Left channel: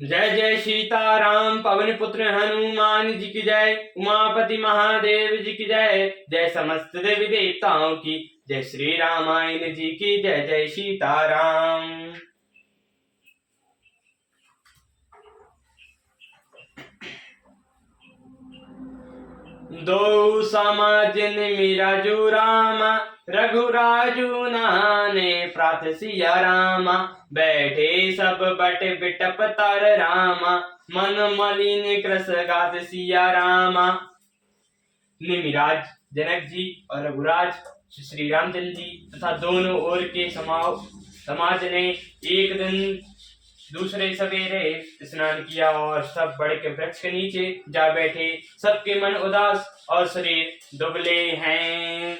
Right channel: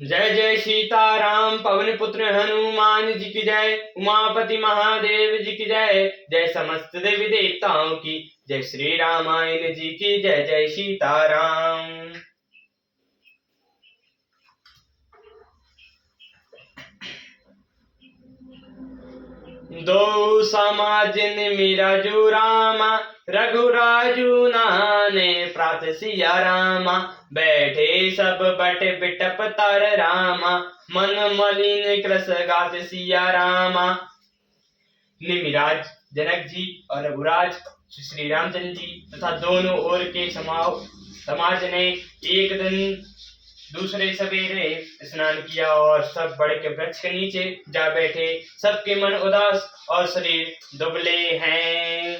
जय जय सीताराम पवन पुत्र हनुमान जी की जय। उमापति महादेव जी की जय। जय समस्त देवी देवताओं की जय। श्री रामायण जी की जय। जय सीताराम। दो समाजन मीरा जो रामा रघुराजू नहाने प्रात सिया रामा। बैठे सब बट बिटप तर रामा मन मलिन कृस गात सिया रामा। निमिराज जनक जी और रघुराज श्री रामचंद्र जी तथा दोनों ओर के समाज ने एक दिन दूसरे सवेरे स्नान किया और सब बड़े के वृक्ष के नीचे जा बैठे। सबके मन उदास और शरीर दुबले हैं।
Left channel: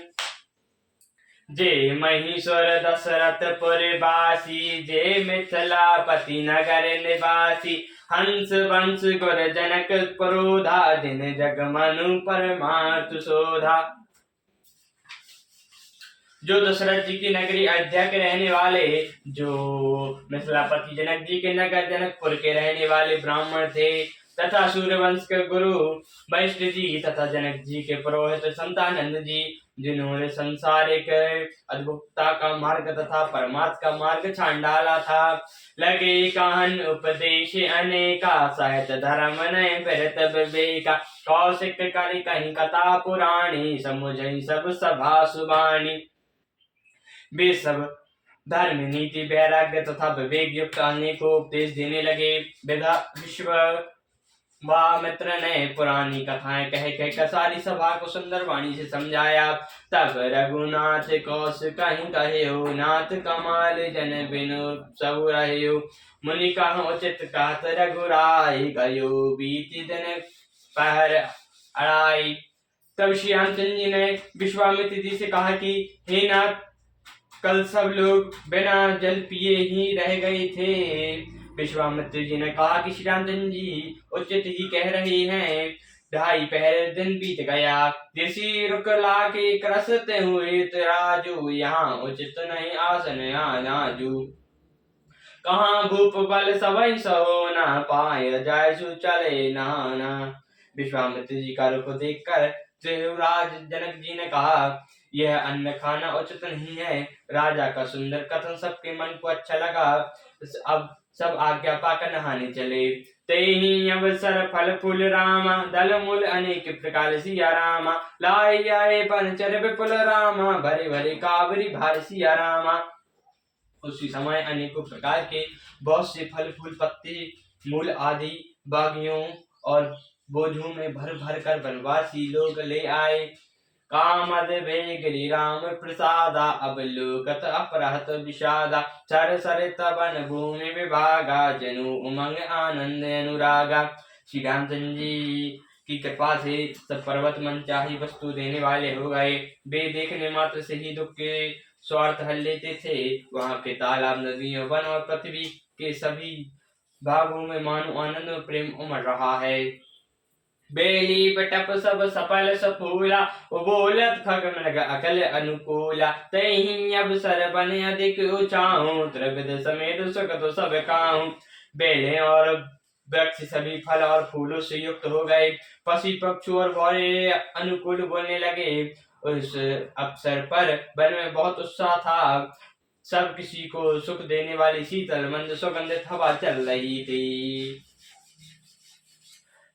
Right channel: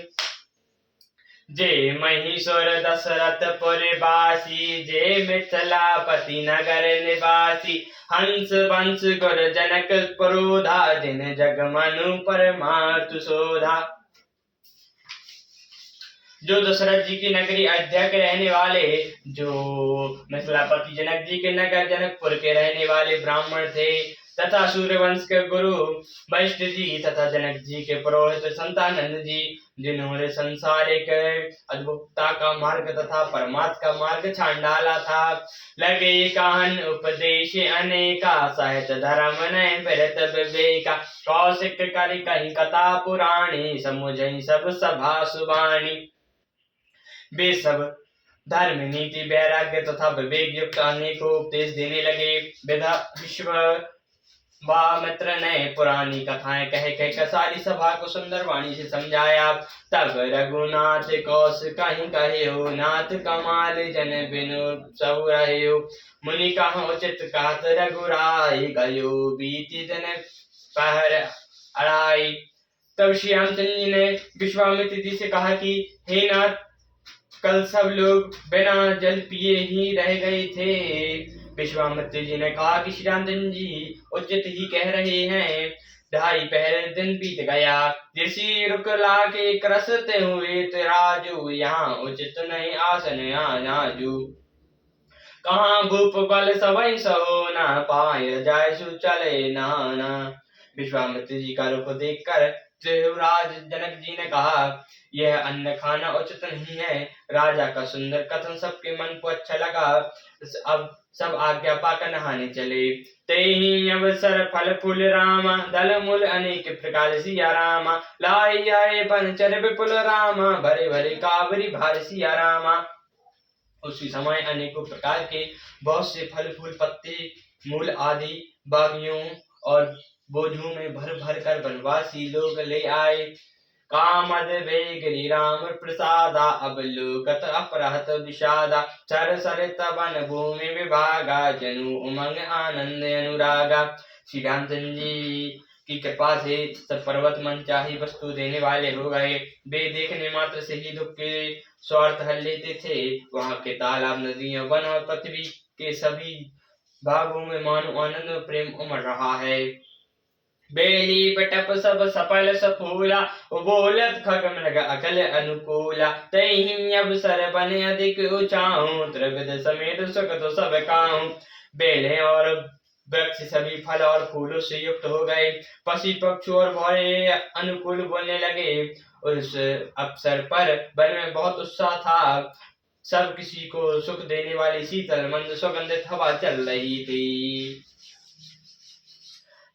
जे महीश्वर दशरथपुर बासी जे मिथिलापति नगर निवासी। हंस वंश गुर जनक पुरोधा जिन जग मनु परमार्थ शोधा। जो दशरथ जी की नगरी अयोध्या के रहने वाले, जो मिथिलापति जनक जी के नगर जनकपुर के रहने वाले ब्राह्मण थे तथा सूर्यवंश के गुरु वशिष्ठ जी तथा जनक जी के पुरोहित संतानंद जी, जिन्होंने संसारिक अद्भुतता का मार्ग तथा परमार्थ का मार्ग छान डाला था। लगे कहन उपदेश अनेका साहित्य धर्म ने फिरत विवेका। कौशिक करि कहीं कथा पुराणी समुझई सब सभा सुबानी। वे सब धर्म नीति वैराग्य तथा विवेक युक्त अनेकों उपदेश देने लगे। विश्वामित्र ने पुरानी कथाएं कह सारी सभा को सुंदर वाणी से समझाया। तब रघुनाथ कौशिक कहीं कहे हो नाथ कमाल जन बिनु सब रहे हो। मुनि कहा उचित कहत रघुराई गयो बीती दिन पहर अड़ाई। तब श्री रामचंद्र जी ने विश्वामित्र जी से कहा कि हे नाथ, कल सब लोग बिना जल पिए ही रह गए थे। विश्वामित्र जी ने कहा कि श्री रामचंद्र जी उचित ही कह रहे हैं। 2.5 पहर दिन बीत गया, ऋषि रुक लाके क्रसते हुए राजू। यहाँ उचित नहीं आसन नाजू। कहाँ भूप बल सवै सहो ना पाए जाय सु चले नाना। विश्वामित्र जी का रुख देखकर देवराज जनक जी ने कहा, यह अन्न खाना उचित नहीं है। राजा का सुंदर कथन सबके मन को अच्छा लगा। अब सब आज्ञा पाकर नहाने चले। तेहि अवसर फल फूल रामा दल मूल अनेक प्रकार सिया रामा। लाई आए पंचर विपुल रामा भरे भरे कावरी भार सिया रामा। उसी समय अनेकों प्रकार के बहुत से फल फूल पत्ते मूल आदि बागियों और बोझों में भर भर कर वनवासी लोग ले आए। कामद भेगरी राम प्रसादा अवलोकत अपरहत विषादा। चर सरित वन भूमि विभागा जनु उमंग आनंद अनुरागा। श्री रामचंद्र जी की कृपा से सब पर्वत मन चाही वस्तु देने वाले हो गए। वे देखने मात्र से ही दुख के स्वार्थ हल लेते थे। वहां के तालाब नदियों वन और पृथ्वी के सभी भागों में मानो आनंद और प्रेम उमड़ रहा है। बेली बटप सब सफल सफूला बोलत खग मृग अकल अनुकूला। तही अवसर बने अधिक ऊंचाऊं त्रिविध समेत सुख तो सब काऊं। बेले और वृक्ष सभी फल और फूलों से युक्त हो गए। पशु पक्षी और भौरे अनुकूल बोलने लगे। उस अवसर पर वन में बहुत उत्साह था। सब किसी को सुख देने वाली शीतल मंद सुगंधित हवा चल रही थी।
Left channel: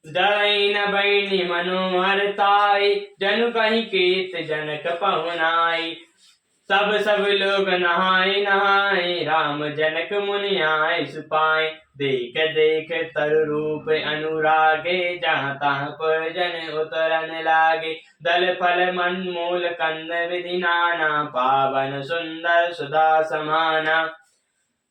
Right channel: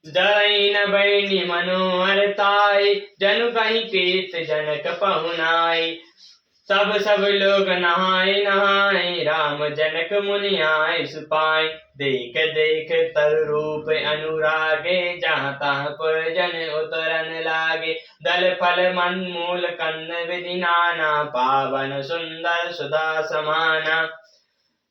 जैन बैनी मनोहर ताई जनु कहीं कीर्त जनक पहुनाई। सब लोग नहाए नहाए राम जनक मुनि आए सुपाए। देख देख तर रूप अनुरागे जहाँ तहाँ पुर जन उतरन लागे। दल फल मन मूल कंद विधि नाना पावन सुंदर सुधा समाना।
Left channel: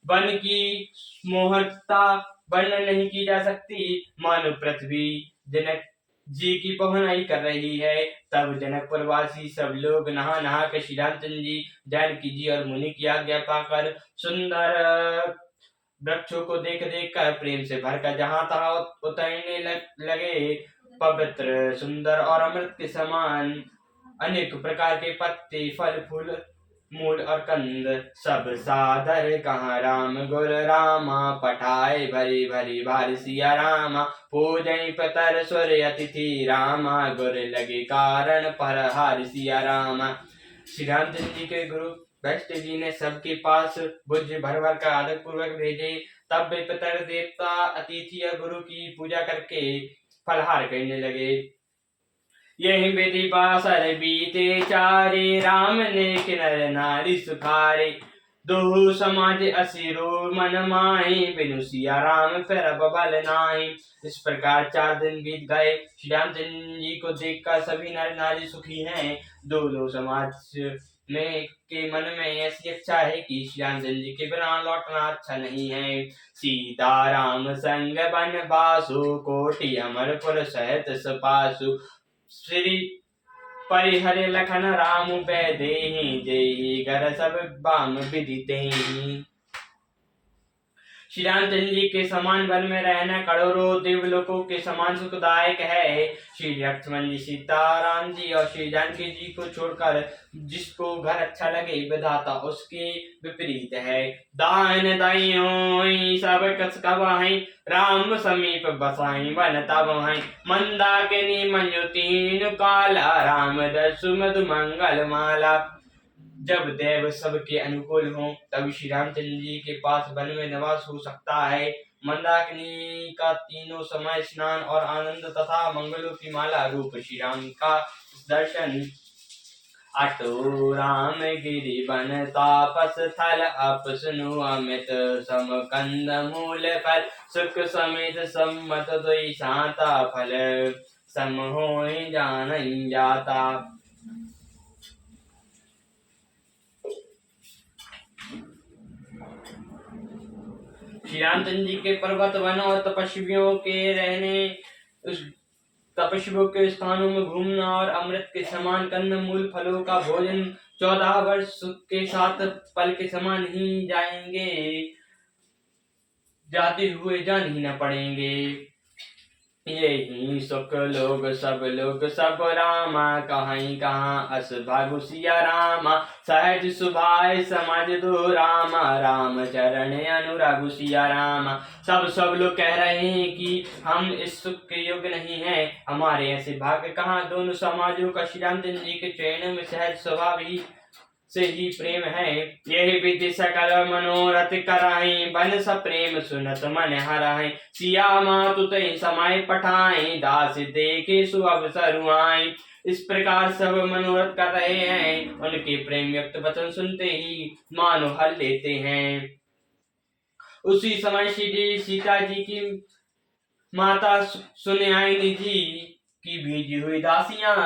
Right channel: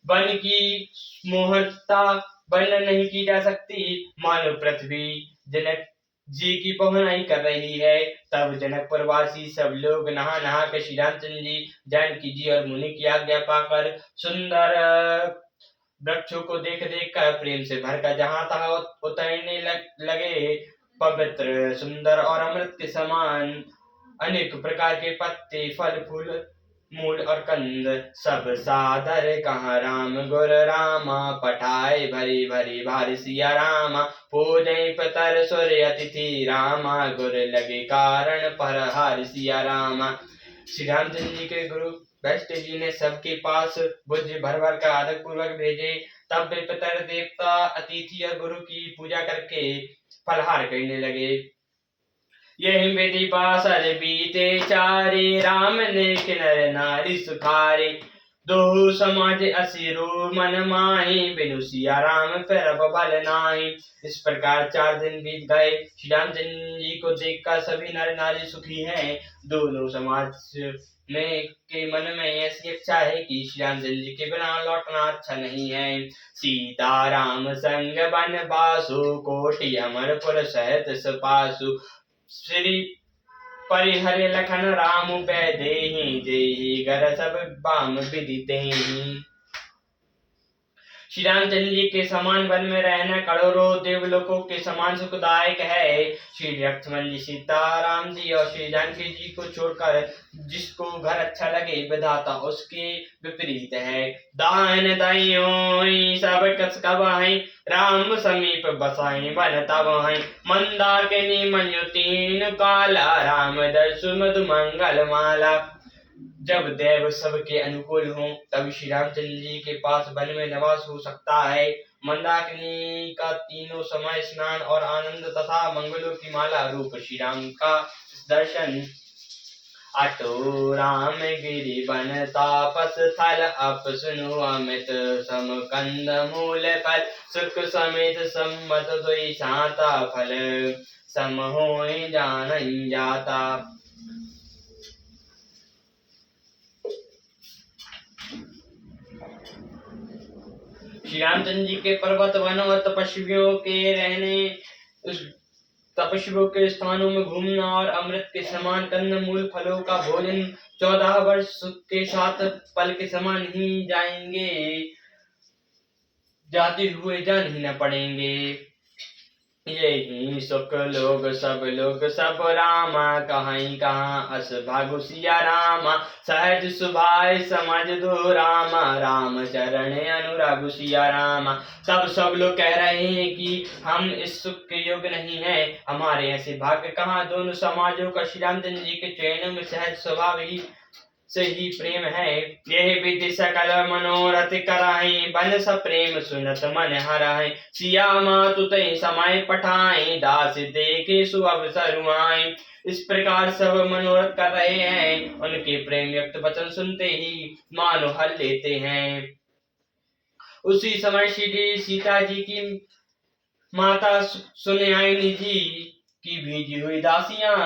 वन की मोहकता वर्णन नहीं की जा सकती। मानो पृथ्वी जनक जी की पहुनाई कर रही है। तब जनकपुरवासी सब लोग नहा नहा कर श्री रामचंद्र जी, जानकी जी और मुनि की आज्ञा पाकर सुंदर वृक्षों को देख देख कर प्रेम से भरकर जहां तहां उतरने लगे। पवित्र सुंदर और अमृत के समान अनेक प्रकार के पत्ते फल फूल मूल और कंद सब सादर कहाँ राम गुर रामा पठाए भरी भरी भारी सिया रामा पूजय पतर सूर्य अतिथि रामा गुर लगे कारण पर हार सिया रामा। श्री रामचंद्र जी के गुरु वशिष्ठ जी ने सबके पास भुज भर भर कर आदर पूर्वक भेजे। तब वे पितर देवता अतिथि और गुरु की पूजा करके फलहार करने लगे। यही विधि बासर बीते चारे राम ने किनर नारी सुखारे दो समाज असिरो मन माही बिनु सिया राम फिर बल नाही। इस प्रकार 4 दिन बीत गए। श्री रामचंद्र जी को देखकर सभी नर नारी सुखी हैं। दोनों समाज में के मन में ऐसी इच्छा है कि श्री रामचंद्र जी के बिना लौटना अच्छा नहीं है। सीता राम संग बन बासु कोटि अमरपुर सहित सपासु श्री परिहर लखन राम पै देहि जेहि घर सब बाम विदित ही। श्री रामचंद्र जी के समान वन में रहना करोड़ों देवलोकों के समान सुखदायक है। श्री लक्ष्मण जी सीताराम जी और श्री जानकी जी को छोड़कर जिसको घर अच्छा लगे विधाता उसके विपरीत है। दान दाइयों सब कस कबाई राम समीप बसाई वन तबाई मंदाकिनी मनुतीन काला राम दर्शु मधु मंगल माला। जब देव सबके अनुकूल हों तब श्री रामचंद्र जी के पास वन में निवास हो सकता है। मंदाकिनी का तीनों समय स्नान और आनंद तथा मंगलों की माला रूप श्री राम का दर्शन। अटो राम गिरि बन तापस थल अप सुनु अमित सम कंद मूल फल सुख समेत सम्मत द्वि शांता फल सम होय जानई जाता। श्री रामचंद्र जी के पर्वत वनों और तपस्वियों के रहने उस तपस्वियों के स्थानों में घूमना और अमृत के समान कंद मूल फलों का भोजन 14 वर्ष सुख के साथ पल के समान ही जाते हुए जान ही न पड़ेंगे। यही सुख लोग सब रामा कहीं कहाँ अस भागु सिया रामा सहज सुभाय समझ दो रामा राम चरण अनुरागु सिया रामा। सब लोग कह रहे हैं कि हम इस सुख के योग्य नहीं हैं, हमारे ऐसे भाग्य कहाँ। दोनों समाजों का श्री रामचंद्र जी के चरणों में सहज स्वभाव ही से ही प्रेम है। यही विधि सकल मनोरथ कराई बन स प्रेम सुनत मन हराई सिया मातु तई समय पठाई दास देखे सु अवसर आए। इस प्रकार सब मनोरथ कर रहे हैं, उनके प्रेम युक्त वचन सुनते ही मानो हल लेते हैं। उसी समय श्री सीता जी की माता सुनयनी जी की भेजी हुई दासियां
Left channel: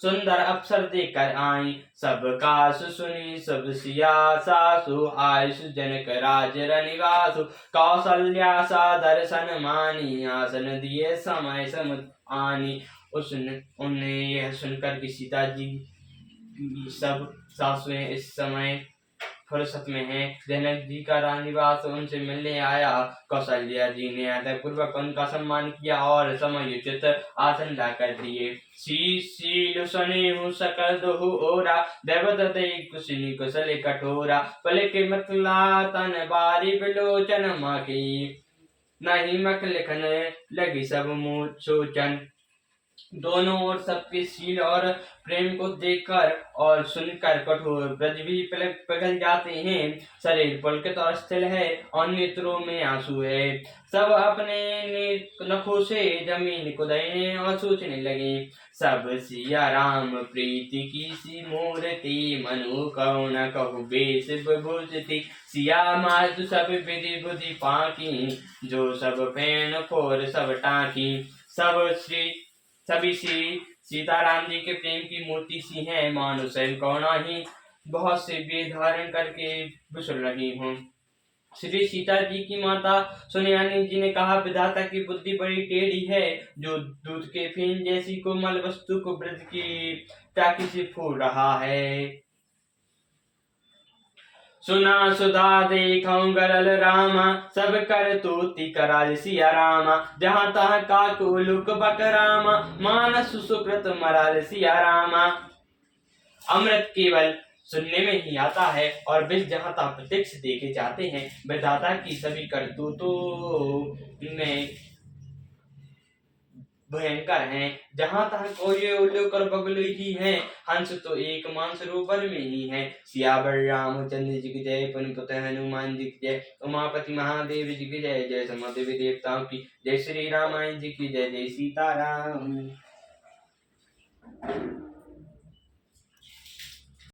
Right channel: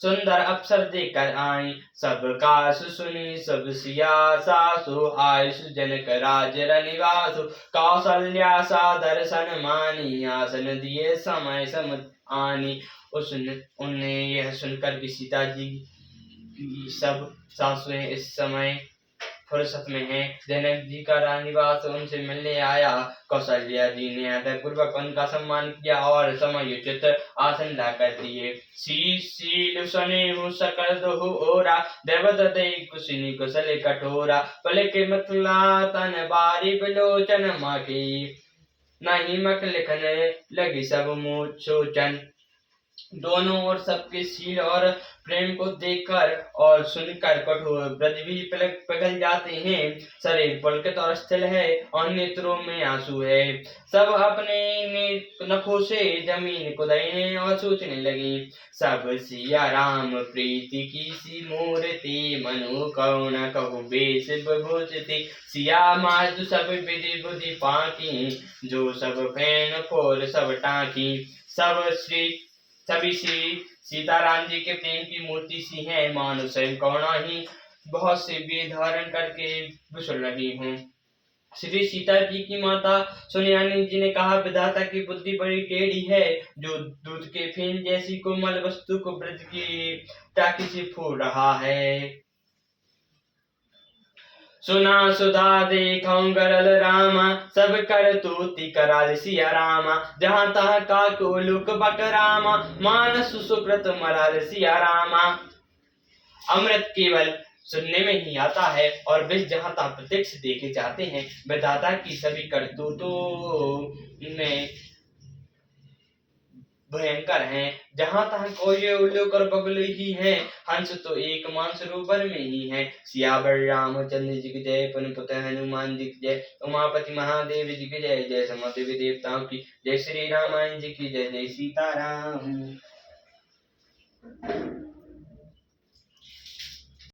सुंदर अवसर देकर आई। सब कास सुनी सब सिया सासु आयुष जनक राज रनिवासु कौशल्या सा दर्शन मानी आसन दिए समय सम आनी। उन्हें यह सुनकर कि सीता जी की सब सासुएं इस समय फुर्सत में हैं। जनक जी का रानिवास उनसे मिलने आया। कौशल्या जी ने आदर पूर्वक उनका सम्मान किया और समयोचित आसन ला कर दिए। शील सुने सकल दोहु ओरा देवत दे कुशिनी कुशल कठोरा पलक मतला तन बारी बिलोचन माकी नहीं मक लिखन लगी सब मुँह सोचन। दोनों ओर सबके शील और प्रेम को देखकर और सुनकर कठोर ब्रज भी पिघल जाते हैं। शरीर पुलकित और स्थिर है और नेत्रों में आंसू है। सब अपने नखों से जमीन को दहीने और सोचने लगे। सब सिया राम प्रीति की सी मूर्ति मनु कौन कहु बेस विभूषिति सिया माधु सब विधि बुद्धि पाकी जो सब फैन फोर सब टाकी। सभी श्री सीताराम जी के प्रेम की मूर्ति सी हैं, मानो स्वयं कौना ही बहुत से वेद धारण करके विसर रही हूँ। श्री सीता जी की माता सुनयनी जी ने कहा, विधाता की बुद्धि बड़ी टेढ़ी है, जो दूध के फेन जैसी कोमल वस्तु को ब्रज की टाकी से फोड़ रहा है। सुना सुधा देखऊं गरल रामा सब कर तूती कराल सिया रामा जहाँ तहाँ काक उलुक बक रामा मानस सुकृत मराल सिया रामा। अमृत केवल सुनने में ही आता है और विष जहाँ तहाँ प्रत्यक्ष देखे जाते हैं। विधाता की सभी करतूतों में भयंकर हैं। जहाँ तहाँ कोई उल्लूक और बगुले ही हैं। हंस तो एक मानसरोवर में ही है। सियावर रामचंद्र जी की जय, पवन पुत्र हनुमान जी की जय, उमापति महादेव जी की जय, जय समदेवी देवताओं की जय, श्री रामायण जी की जय, जय सीताराम।